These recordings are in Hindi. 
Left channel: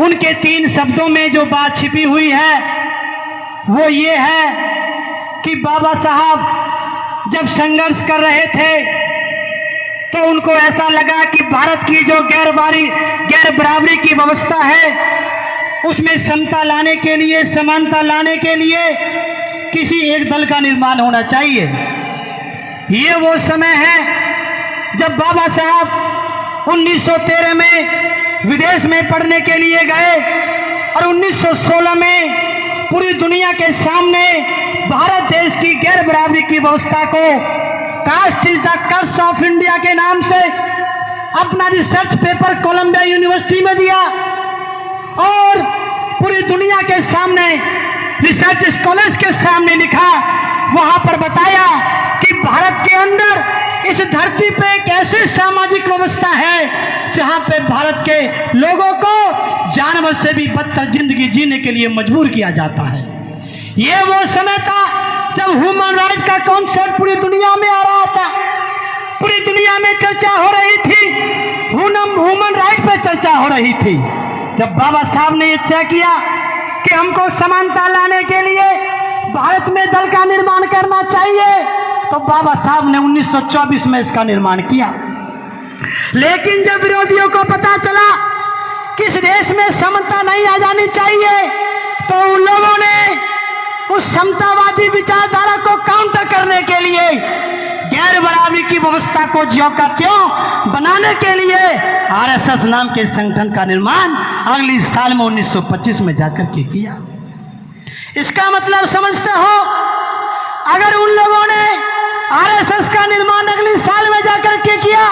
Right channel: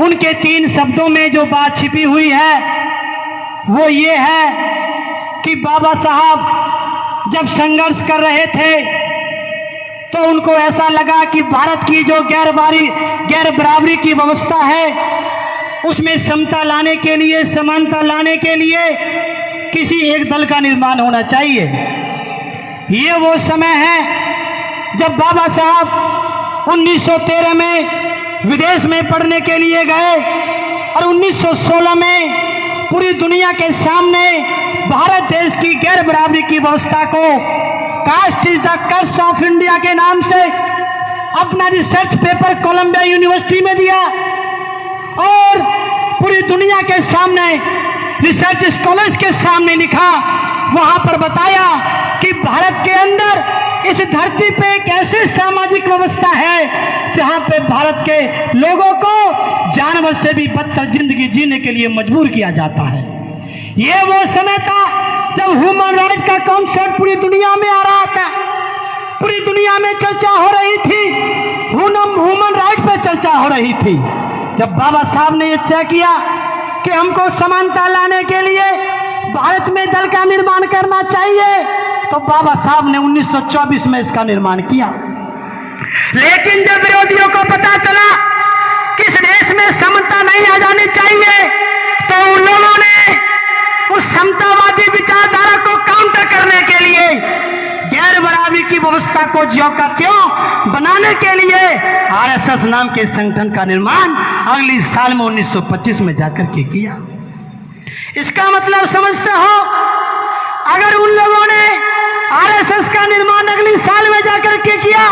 उनके 3 शब्दों में जो बात छिपी हुई है वो ये है कि बाबा साहब जब संघर्ष कर रहे थे तो उनको ऐसा लगा कि भारत की जो गैर बराबरी की व्यवस्था है उसमें समता लाने के लिए, समानता लाने के लिए किसी एक दल का निर्माण होना चाहिए। ये वो समय है जब बाबा साहब 1913 में विदेश में पढ़ने के लिए गए और 1916 में पूरी दुनिया के सामने भारत देश की गैर बराबरी की व्यवस्था को caste is the curse of India के नाम से अपना रिसर्च पेपर कोलंबिया यूनिवर्सिटी में दिया और पूरी दुनिया के सामने रिसर्च स्कॉलर्स के सामने लिखा। वहां पर बताया कि भारत के अंदर इस धरती पे एक ऐसी सामाजिक व्यवस्था है जहां पे भारत के लोगों को जानवर से भी बदतर जिंदगी जीने के लिए मजबूर किया जाता है। ये वो समय था जब ह्यूमन राइट का कॉन्सेप्ट पूरी दुनिया में आ रहा था, पूरी दुनिया में चर्चा हो रही थी, ह्यूमन राइट पे चर्चा हो रही थी। जब बाबा साहब ने यह तय किया कि हमको समानता लाने के लिए भारत में दल का निर्माण करना चाहिए तो बाबा साहब ने 1924 में इसका निर्माण किया। लेकिन जब विरोधियों को पता चला कि इस देश में समता नहीं आ जानी चाहिए तो उन लोगों ने उस समतावादी विचारधारा को काउंटर करने के लिए गैर बराबरी की व्यवस्था को ज्यों का त्यों बनाने के लिए आरएसएस नाम के संगठन का निर्माण अगली साल में 1925 में जाकर के किया। इसका मतलब समझते हो, अगर उन लोगों ने आरएसएस का निर्माण अगली साल में जाकर के किया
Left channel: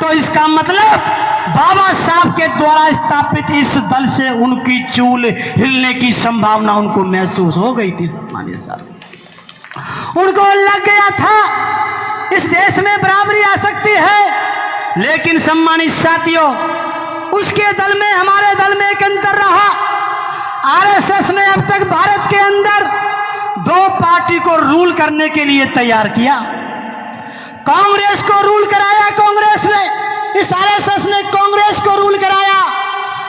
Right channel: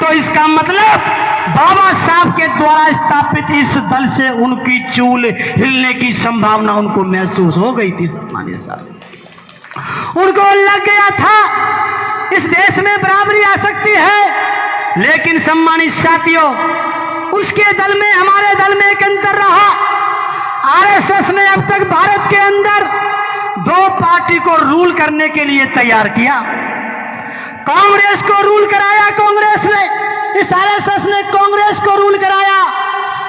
तो इसका मतलब बाबा साहब के द्वारा स्थापित इस दल से उनकी चूल हिलने की संभावना उनको महसूस हो गई थी। सम्मानित साहब, उनको लग गया था इस देश में बराबरी आ सकती है, लेकिन सम्मानित साथियों, उसके दल में हमारे दल में एक अंतर रहा। आरएसएस ने अब तक भारत के अंदर 2 पार्टी को रूल करने के लिए तैयार किया। कांग्रेस को रूल कराया, कांग्रेस ने, इस आरएसएस ने कांग्रेस को रूल कराया।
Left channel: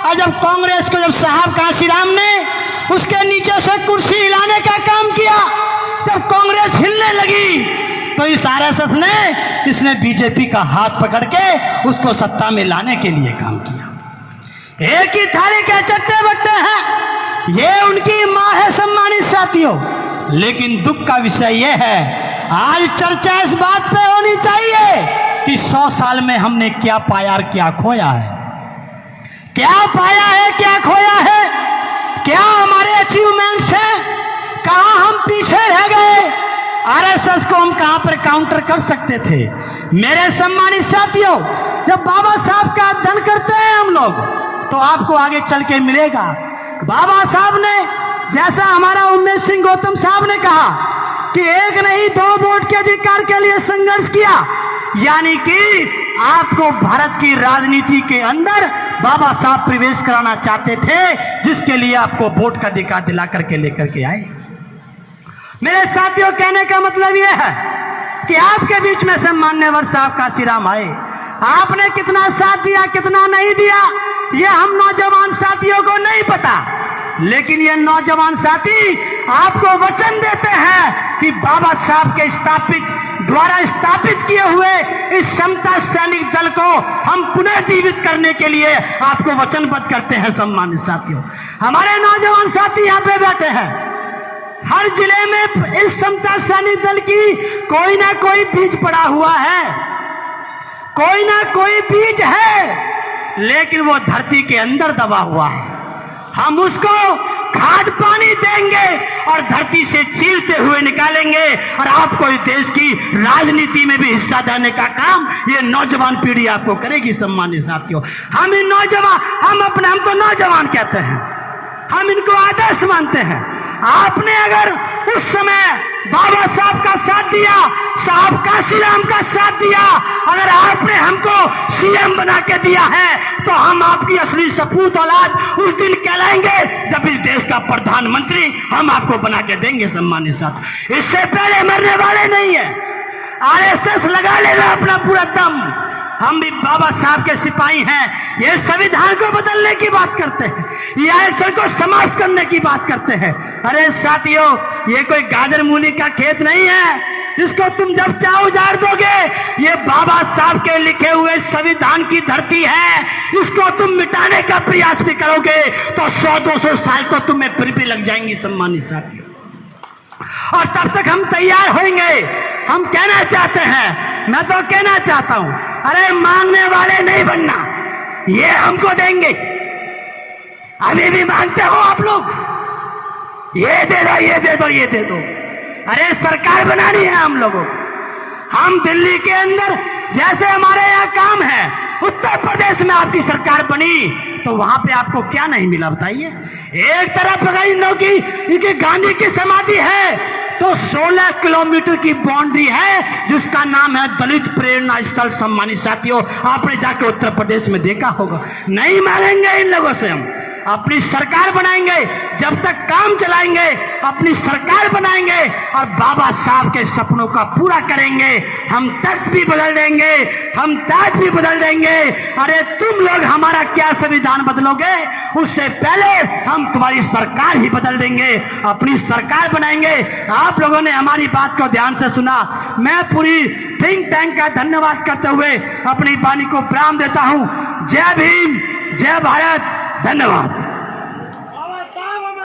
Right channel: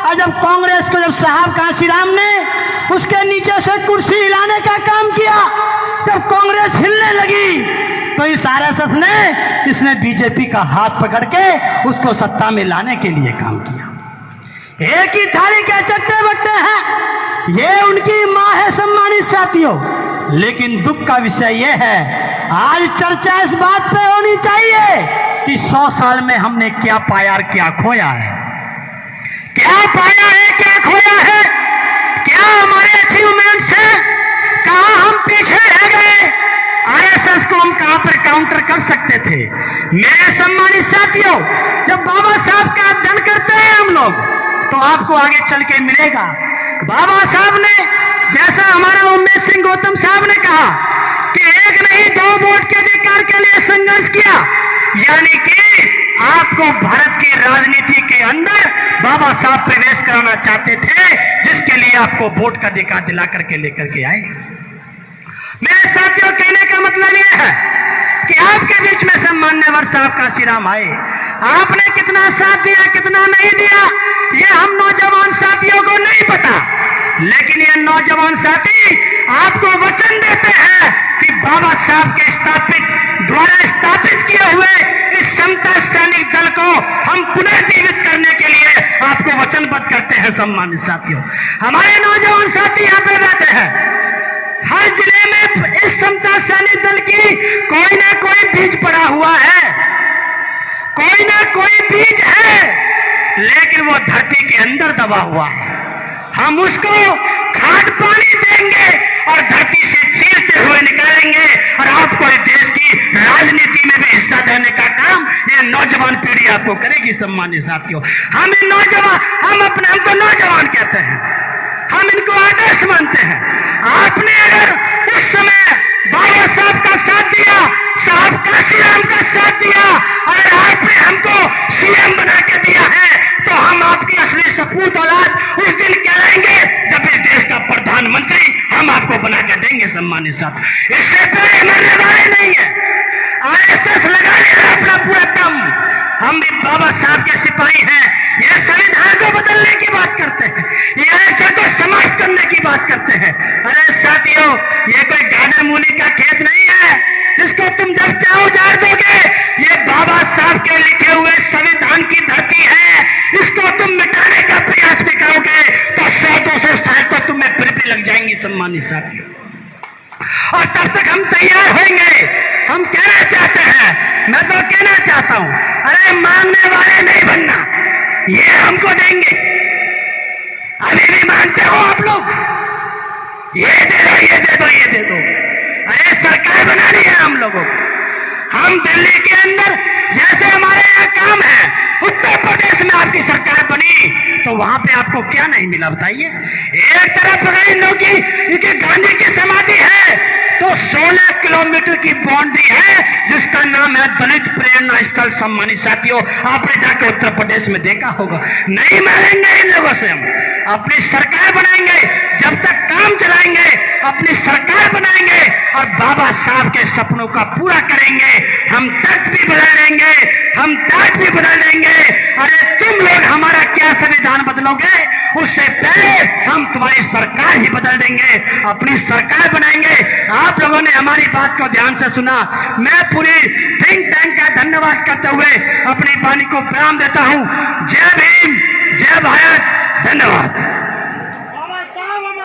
और जब कांग्रेस को, जब साहब काशीराम ने उसके नीचे से कुर्सी हिलाने का काम किया, जब कांग्रेस हिलने लगी तो इस आरएसएस ने, इसने बीजेपी का हाथ पकड़ के उसको सत्ता में लाने के लिए काम किया। एक ही थाली के चट्टे बट्टे हैं, ये उनकी मां है। सम्मानित साथियों, लेकिन दुख का विषय यह है, आज चर्चा इस बात पे होनी चाहिए कि 100 साल में हमने क्या पाया और क्या खोया है। क्या पाया है, क्या खोया है, क्या हमारे अचीवमेंट्स हैं, कहां हम पीछे रह गए, आरएसएस को हम कहां पर काउंटर कर सकते थे। मेरे सम्मानित साथियों, जब बाबा साहब का अध्ययन करते हैं हम लोग तो आपको आगे चल के मिलेगा। बाबा साहब ने, जैसा हमारा उमेश सिंह गौतम साहब ने कहा कि एक नहीं 2 वोट के अधिकार के लिए संघर्ष किया, यानी कि आपको भारत की राजनीति के अंदर बाबा साहब प्रवेश कराना चाहते थे, जिसके लिए आपको वोट का अधिकार दिला करके लेकर के आए। मेरे साथियों, कहने का मतलब यह है कि आपके बीच में सम्मानवर साहब काशीराम आए, आपने कितना साथ दिया, कितना नहीं दिया, ये हम नौजवान साथियों को नहीं पता, लेकिन ये नौजवान साथी आपको वचन देते हैं कि बाबा साहब के द्वारा स्थापित किए हुए इस समता सैनिक दल को हम पुनर्जीवित करने के लिए आपको वचनबद्ध करते हैं। सम्मानित साथियों, हमारे नौजवान साथी यहाँ पे बैठे हैं, हर जिले में इस समता सैनिक दल की कोई ना कोई बीज पड़ा हुआ है, कोई ना कोई बीज है, लेकिन वो धरती के अंदर दबा हुआ है। हम उसको खाद पानी देंगे और धरती से चीरते हुए निकालेंगे और आपको इस देश की राजनीति में भी हिस्सा देने का काम ये नौजवान पीढ़ी आपको करेगी। सम्मानित साथियों, हम अपना तो नौजवान कहते हैं, हम इनको आदर्श मानते हैं। आपने अगर उस समय बाबा साहब का साथ दिया, साहब काशीराम का साथ दिया और आपने हमको सीएम बना के दिया है, तो हम आपकी असली सपूत औलाद उस दिन कहलाएंगे जब इस देश का प्रधानमंत्री हम आपको बना के देंगे। सम्मानित साथ, इससे पहले मरने वाले नहीं है। आरएसएस लगा लेगा अपना पूरा दम। हम भी बाबा साहब के सिपाही हैं। ये संविधान को बदलने की बात करते हैं, या ऐसे तो समाज करने की बात करते हैं। अरे साथियों, ये कोई गाजर मूली का खेत नहीं है जिसको तुम जब चाहो उजाड़ दोगे। ये बाबा साहब के लिखे हुए संविधान की धरती है। इसको तुम मिटाने का प्रयास भी करोगे तो 100-200 साल तो तुम्हें फिर भी लग जाएंगी सम्मानित साथियों। और तब तक हम तैयार होंगे। हम कहना चाहते हैं, मैं तो कहना चाहता हूं, अरे मांगने वाले नहीं बनना, ये हमको देंगे। अभी भी मांगते हो आप लोग, ये दे दो, ये दे दो, ये दे दो। अरे सरकार बनानी है हम लोगों को। हम दिल्ली के अंदर जैसे हमारे यहाँ काम है, उत्तर प्रदेश में आपकी सरकार बनी तो वहां पे आपको क्या नहीं मिला बताइए। एक तरफ अगर इन लोगों की गांधी की समाधि है तो 16 किलोमीटर की बाउंड्री है जिसका नाम है दलित प्रेरणा स्थल। सम्मानित साथियों, आपने जाके उत्तर प्रदेश में देखा होगा। नहीं मानेंगे इन लोगों से। हम अपनी सरकार बनाएंगे, जब तक काम चलाएंगे अपनी सरकार बनाएंगे और बाबा साहब के सपनों का पूरा करेंगे। हम तर्क भी बदल देंगे, हम ताज भी बदल देंगे। अरे तुम लोग हमारा क्या संविधान बदलोगे, उससे पहले हम तुम्हारी सरकार ही बदल देंगे, अपनी सरकार बनाएंगे। आप लोगों ने हमारी बात को ध्यान से सुना। मैं पूरी थिंक टैंक का धन्यवाद करते हुए अपनी वाणी को प्रणाम देता हूं। जय भीम, जय भारत, धन्यवाद।